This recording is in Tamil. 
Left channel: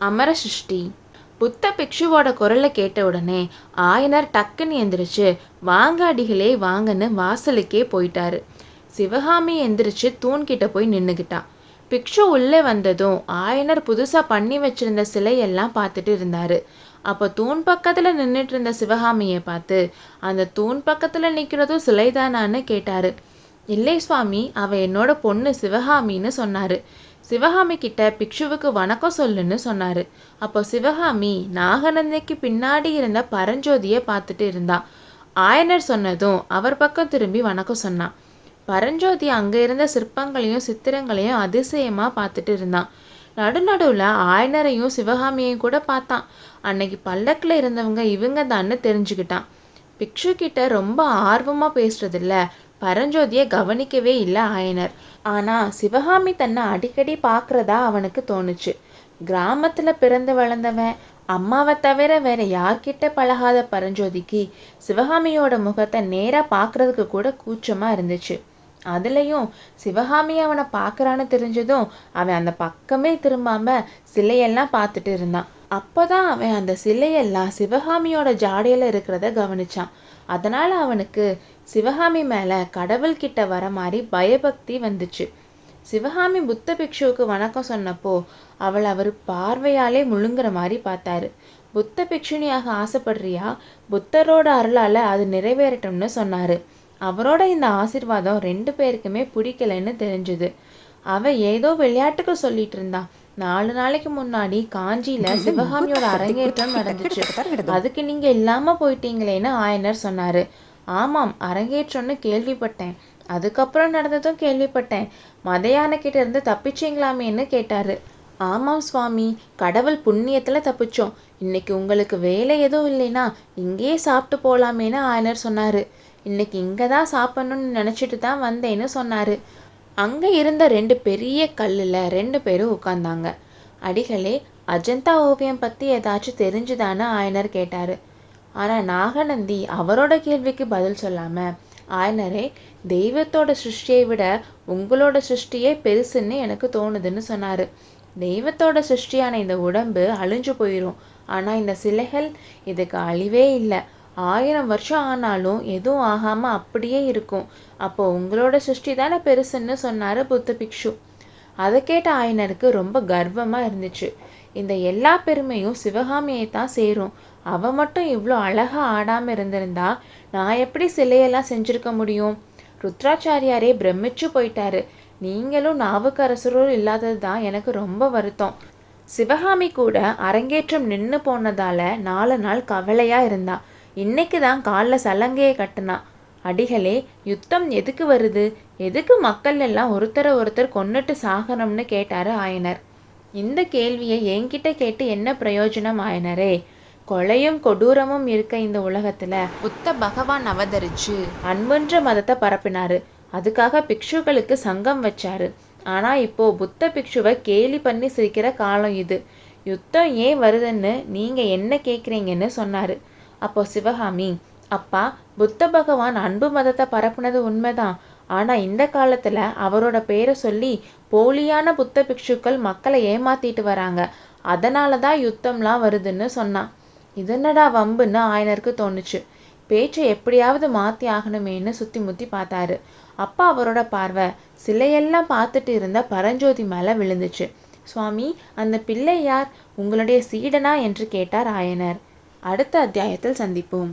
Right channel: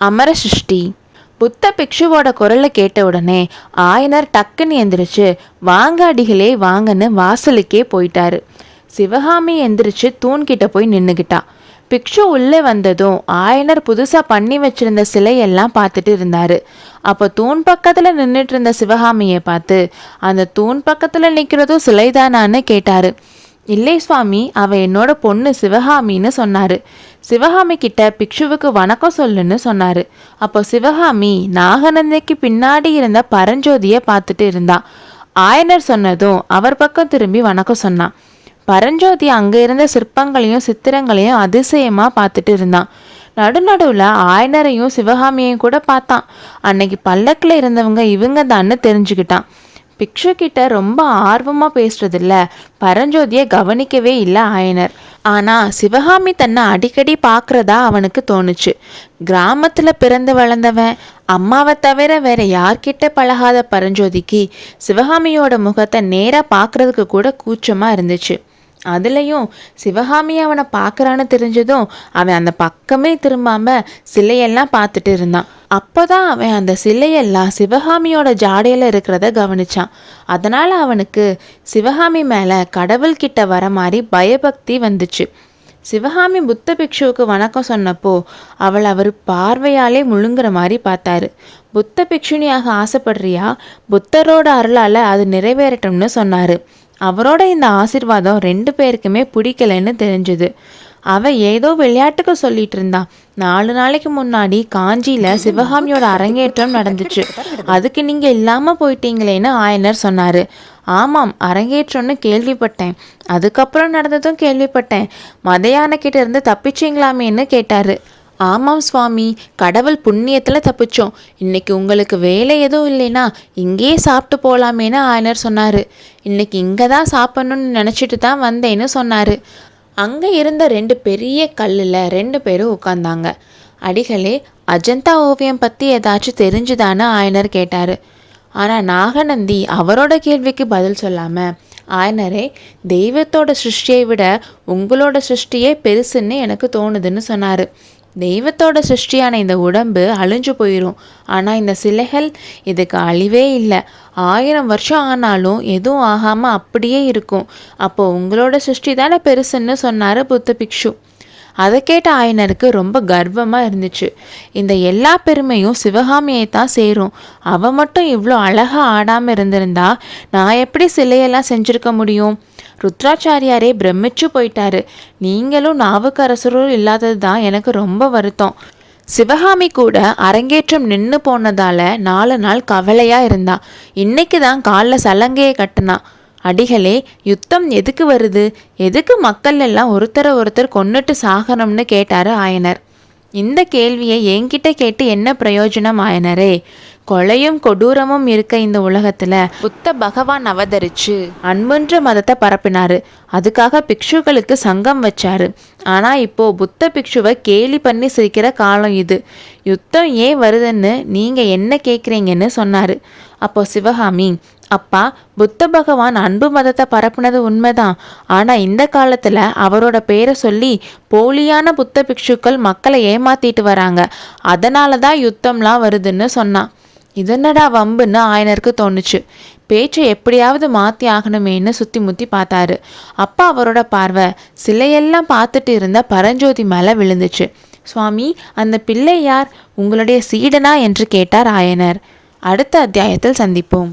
அமர சிருஷ்டி. புத்த பிக்ஷுவோட குரலை கேட்ட உடனே ஆயனர் டக்குன்னு எந்திரிச்சு வாங்க அடிகளே வாங்கன்னு வாசலுக்கே போயிட்டாரு. சிவகாமி எந்திரிச்சு தூண்கிட்ட போய் நின்றுக்கிட்டா. பிக்ஷு உள்ளே வந்ததும் ஆயனர் புதுசாக பண்ணி வச்சிருந்த சிலையெல்லாம் பார்த்துட்டு இருந்தாரு. அப்போ தூண் பக்கத்தில் நின்றுட்டு இருந்த சிவகாமியை பார்த்து அந்த தூண் பக்கத்தில் நிற்கிறதும் சிலைதானான்னு கேட்டாரு. இல்லை சுவாமி, அவ என்னோட பொண்ணு சிவகாமின்னு சொன்னாரு. சிவகாமி கிட்ட பிக்ஷுவுக்கு வணக்கம் சொல்லுன்னு சொன்னாரு. அப்போ சிவகாமி நாகநந்திக்கு பின்னாடி இருந்த பரஞ்சோதியை பார்த்துட்டு இருந்தா. ஆயனர் சொன்னதும் அவர் பக்கம் திரும்பி வணக்கம் சொன்னான். பரஞ்சோதி அங்க இருந்த சிற்பங்களையும் சித்திரங்களையும் அதிசயமா பார்த்துட்டு இருந்தான். நடுநடுவில் ஆயனரையும் சிவகாமியையும் கூட பார்த்தான். அன்னைக்கு பல்லக்கில் இருந்தவங்க இவங்க தான்னு தெரிஞ்சுக்கிட்டான். பிக்ஷு கிட்ட ரொம்ப ஆர்வமாக பேசுறதில்ல பரஞ்சோதியை கவனிக்கவே இல்லை ஆயனர். ஆனால் சிவகாமி தன்னை அடிக்கடி பார்க்குறதா அவனுக்கு தோணுச்சு. கிராமத்தில் பிறந்து வளர்ந்தவன், அம்மாவை தவிர வேற யார்கிட்ட பழகாத பரஞ்சோதிக்கு சிவகாமியோட முகத்தை நேராக பார்க்குறதுக்கு கூட கூச்சமாக இருந்துச்சு. அதுலேயும் சிவகாமி அவனை பார்க்குறான்னு தெரிஞ்சதும் அவன் அந்த பக்கமே திரும்பாம சிலையெல்லாம் பார்த்துட்டு இருந்தான். அப்போதான் அவன் அந்த சிலையெல்லாம் சிவகாமியோட ஜாடையில் இருக்கிறத கவனிச்சான். அதனால் அவனுக்கு சிவகாமி மேலே கடவுள்கிட்ட வர மாதிரி பயபக்தி வந்துச்சு. சிவகாமி புத்த பிக்ஷுவுக்கு வணக்கம் சொன்னப்போ அவர் பார்வையாலே முழுங்குற மாதிரி பார்த்தாரு. புத்த பிக்ஷுனியாக ஆசைப்படுறியா? புத்தரோட அருளால் அது நிறைவேறட்டும்னு சொன்னார். அவரோட இந்த ஆசீர்வாதம் 2 பேருக்குமே பிடிக்கலன்னு தெரிஞ்சுது. அவன் ஏதோ விளையாட்டுக்கு சொல்லிட்டு இருந்தான். 4 நாளைக்கு முன்னாடி காஞ்சியில் சிவகாமியோட அரங்கேற்றம் நடந்துச்சு. அதுக்கு நீங்கள் இல்லாமல் போயிட்டீங்களேன்னு ஆயனர் சொன்னார். ஆமாம், அரங்கேற்றம்னு கேள்விப்பட்டேன். அதுக்கப்புறம் நடந்ததும் கேள்விப்பட்டேன். மதையானக்கிட்ட இருந்து தப்பிச்சிங்களாமேன்னு கேட்டார். ஆமாம் சுவாமி, கடவுள் புண்ணியத்தில் தப்பிச்சோம். இன்னைக்கு உங்களுக்கு வேலை எதுவும் இல்லைன்னா இங்கேயே சாப்பிட்டு போகலாமேன்னு ஆயனர் சொன்னார். இன்னைக்கு இங்கே தான் சாப்பிட்ணுன்னு நினச்சிட்டு தான் வந்தேன்னு சொன்னார். அங்கே இருந்த 2 பெரிய கல்லில் 2 பேரும் உட்காந்தாங்க. அடிகளே, அஜந்தா ஓவியம் பற்றி ஏதாச்சும் தெரிஞ்சுதான்னு ஆயனர் கேட்டார். ஆனால் நாகநந்தி அவரோட கேள்விக்கு பதில் சொல்லாமல், ஆயனரே, தெய்வத்தோட சிருஷ்டியை விட உங்களோட சிருஷ்டியே பெருசுன்னு எனக்கு தோணுதுன்னு சொன்னார். தெய்வத்தோட சிருஷ்டியான இந்த உடம்பு அழிஞ்சு போயிடும். ஆனால் இந்த சிலைகள் இதுக்கு அழிவே இல்லை. 1000 வருஷம் ஆனாலும் எதுவும் ஆகாமல் அப்படியே இருக்கும். அப்போது உங்களோட சிருஷ்டி தானே பெருசுன்னு சொன்னார் புத்த பிக்ஷு. அதை கேட்ட ஆயனருக்கு ரொம்ப கர்வமாக இருந்துச்சு. இந்த எல்லா பெருமையும் சிவகாமியை தான் சேரும். அவள் மட்டும் இவ்வளோ அழகாக ஆடாமல் இருந்திருந்தா நான் எப்படி சிலையெல்லாம் செஞ்சுருக்க முடியும்? ருத்ராச்சாரியாரே பிரமிச்சு போயிட்டாரு. நீங்களும் நாவுக்கரசரும் இல்லாதது தான் எனக்கு ரொம்ப வருத்தம். சிவகாமி கூட அரங்கேற்றம் நின்று போனதால 4 நாள் கவலையாக இருந்தா. இன்னைக்கு தான் காலில் சலங்கையை கட்டினா. அடிகளே, யுத்தம் எதுக்கு வருது? எதுக்கு மக்கள் எல்லாம் ஒருத்தர் கொன்னுட்டு சாகணும்னு கேட்டாரு ஆயனர். இந்த கேள்வியை என்கிட்ட கேட்டு என்ன பிரயோஜனம் ஆயனரே? கொலையும் கொடூரமும் இருக்க இந்த உலகத்துல புத்த பகவான் அவதரிச்சு அன்புன்ற மதத்தை பரப்பினாரு. அதுக்காக பிக்ஷுக்களுக்கு சங்கம் வச்சாரு. ஆனா இப்போ புத்த பிக்ஷுவை கேலி பண்ணி சிரிக்கிற காலம் இது. யுத்தம் ஏன் வருதுன்னு நீங்க என்ன கேட்குறீங்கன்னு சொன்னாரு. அப்போ சிவகாமி, அப்பா, புத்த பகவான் அன்பு மதத்தை பரப்புனது உண்மைதான். ஆனால் இந்த காலத்தில் அவரோட பேரை சொல்லி போலியான புத்த பிக்ஷுக்கள் மக்களை ஏமாத்திட்டு வராங்க. அதனால தான் யுத்தம்லாம் வருதுன்னு சொன்னான். இதனடா வம்புன்னு ஆயனருக்கு தோணுச்சு. பேச்சை எப்படியாவது மாற்றி ஆகணுமேன்னு சுற்றி முற்றி பார்த்தாரு. அப்பா அவரோட பார்வை சிலையெல்லாம் பார்த்துட்டு இருந்த பரஞ்சோதி மேலே விழுந்துச்சு. சுவாமி, அந்த பிள்ளை யார்? உங்களுடைய சீடனா என்று கேட்டார் ஆயனர். அடுத்த அத்தியாயத்தில் சந்திப்போம்.